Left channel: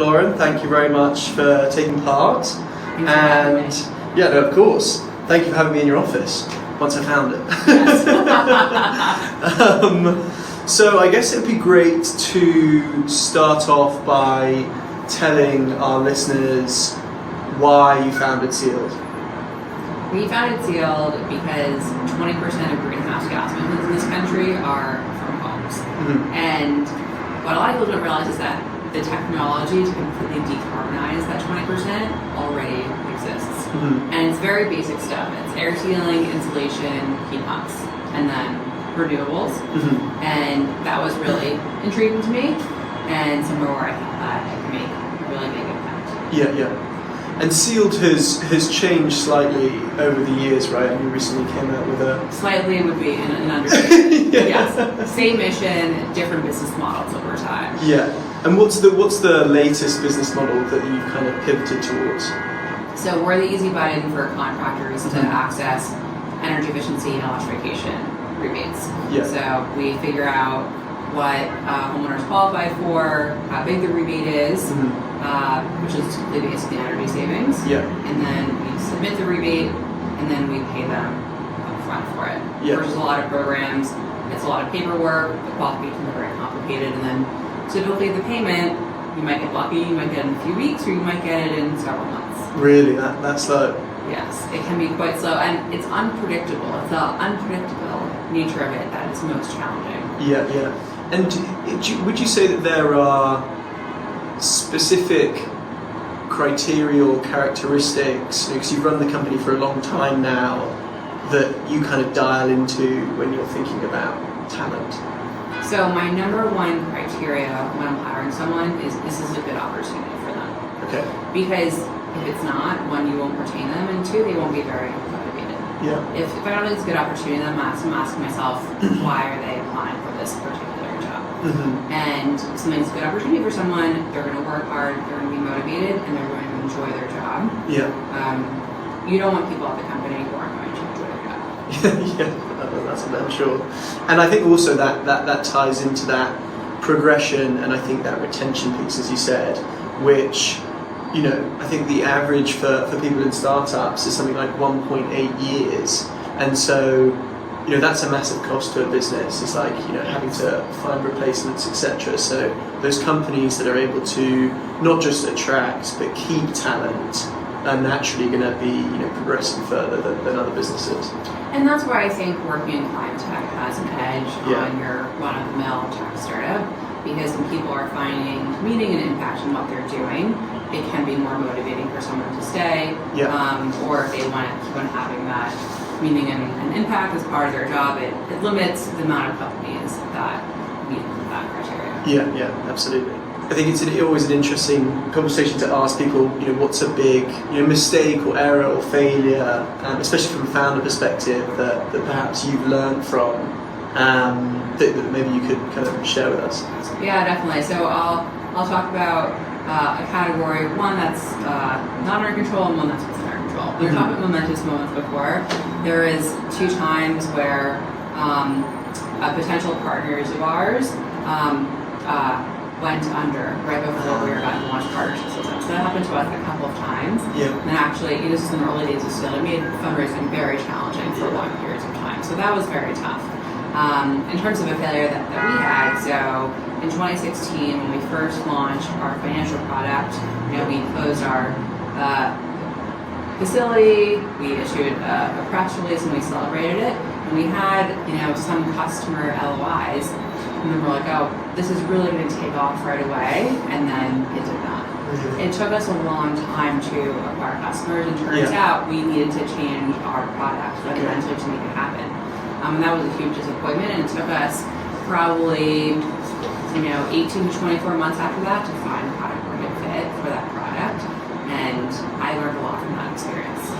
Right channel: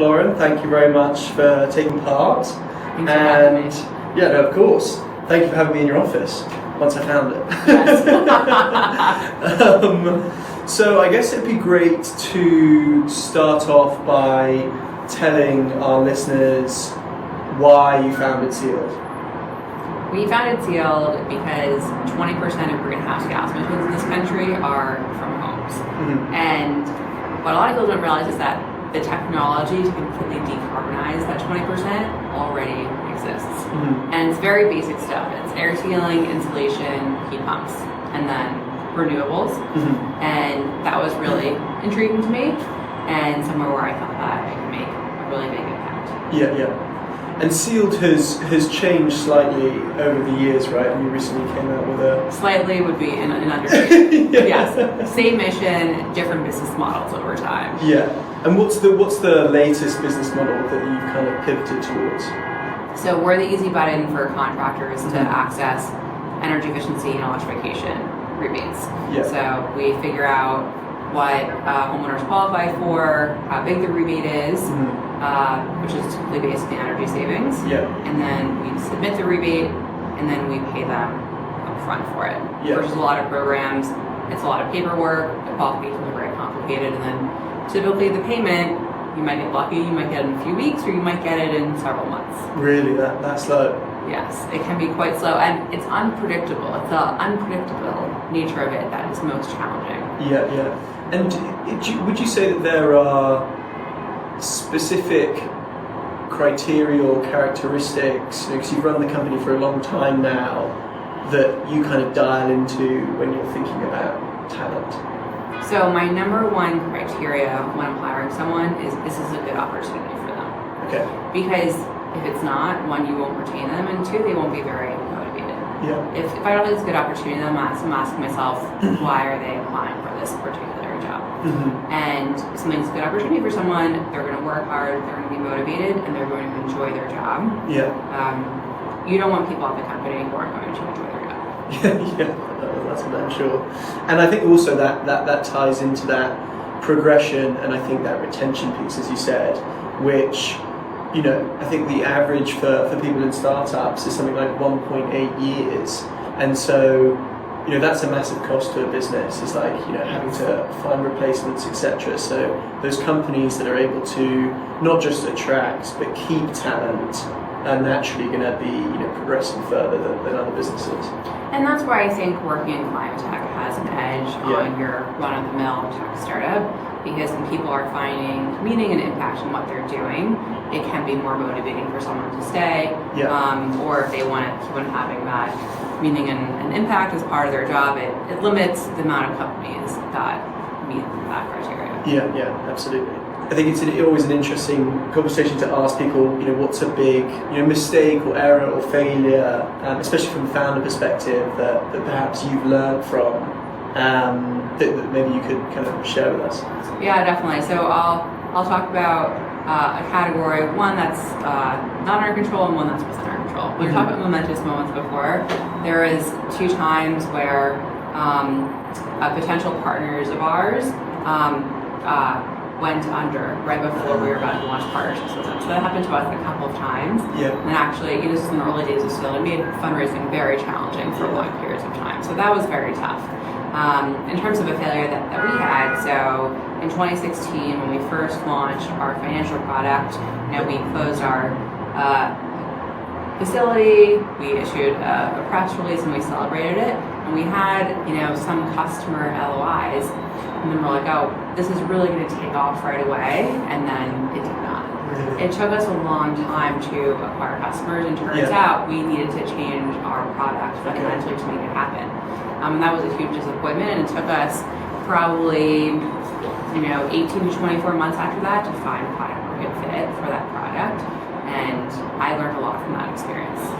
Lauren, thank you very much for taking part. And yeah, no, of course. Thank you for having me in your office once I found it. Yes. So I guess it'd be great to start off by telling our listeners why you founded Sealed. We founded Sealed because 20% of greenhouse gas emissions in this country are from homes. Mm-hmm. And what a lot of people don't realize is that the technology to completely decarbonize that 20% already exists. Mm-hmm. And it's very basic stuff. It's air sealing, insulation, heat pumps, and then renewables. Mm-hmm. And that was really intriguing to me and somewhere where I thought that I could make a really big impact. Yeah. And Sealed has changed slightly over the years, right? And you recently came out with a... Slightly would be an understatement. But yes, same mission, different business models over time. Yeah. And what's the latest business model that you've kind of pivoted towards? So we're the easy button for contractors to access energy efficiency and electrification rebates. Yeah. So we figure out what homeowners qualify for, how big the rebate is, which is typically based on the energy savings. Yeah. And then we submit the rebate, and then we pay them upfront for it. Yeah. Versus a lot of programs, it's a lot of paperwork, the qualifications are very complicated, and then typically the payment, you might get lucky, you might get it in a few weeks, or you might get it in several months. Really? That slow? Yes, it can be quite slow, and it's unpredictable. It's the unpredictable nature of it that is most challenging. Yeah. And would you say that there are specific criteria or characteristics, because you've run the company for a long time now, that you kind of dial into when you're thinking about talent? So my number one criteria when I'm hiring someone is this is a good opportunity for them. Okay. Because if it's not, one, you won't retain them, and two, they won't be very motivated. Yeah. If I don't think it's a good opportunity, I'm asking myself, why are they applying for this particular job? Mm-hmm. And if something's a good opportunity for someone, they're going to work hard, they're going to be motivated, and they're going to enjoy their job. Yeah. You don't want people at the company who aren't going to enjoy their job. Yeah, that's for sure. And I think also that ties into that progression, and I think that retention piece, as you said, which, you know, I think the average for people in startups is something like 1.8 years. And so, you know, that's a massive cost to a business. It's like, you know, having to find replacements, etc. So those companies that are able to not just attract but keep talent are naturally going to be, you know, progressing further than other businesses. And that's why I think working in climate tech has an edge on your run-of-the-mill tech startup, because when people are finding meaning and impact in what they're doing, it can be more motivating for someone to stay, or if they want to keep on having that meaning and impact as part of their job, it limits the amount of companies that meet that criteria. Yeah, absolutely. I think it's always an interesting conversation to ask people, you know, what's a big, you know, mistake or error or failure, especially from a founder perspective, that perhaps you've learned from, that maybe you could kind of share with us. Yeah, definitely. So I'll talk about a category, one that's not under control and one that's within our control. We were talking about momentous moments before. There is 2 times where potential partners of ours went under right before we were about to launch partnerships with them. So that happened to us a couple of times. Yeah. And actually, this is in the early days of Sealed. It made fundraising very challenging for long periods of time. So that was very tough. In terms of a failure that we had, so in 2016, when we first launched our financial product, you know, we closed our facility, we issued a press release, and we celebrated it. And we had, you know, some customer LOIs, and then we're like, oh, this is really going to take off right away, and then it did not. It took us a long time to acquire customers, and turns out we needed to change our product fundamentally to make it happen. And that was a huge disappointment, and it took us probably, you know, 18 to 24 months after that to find a product market fit for that product, and I learned a lot from that experience.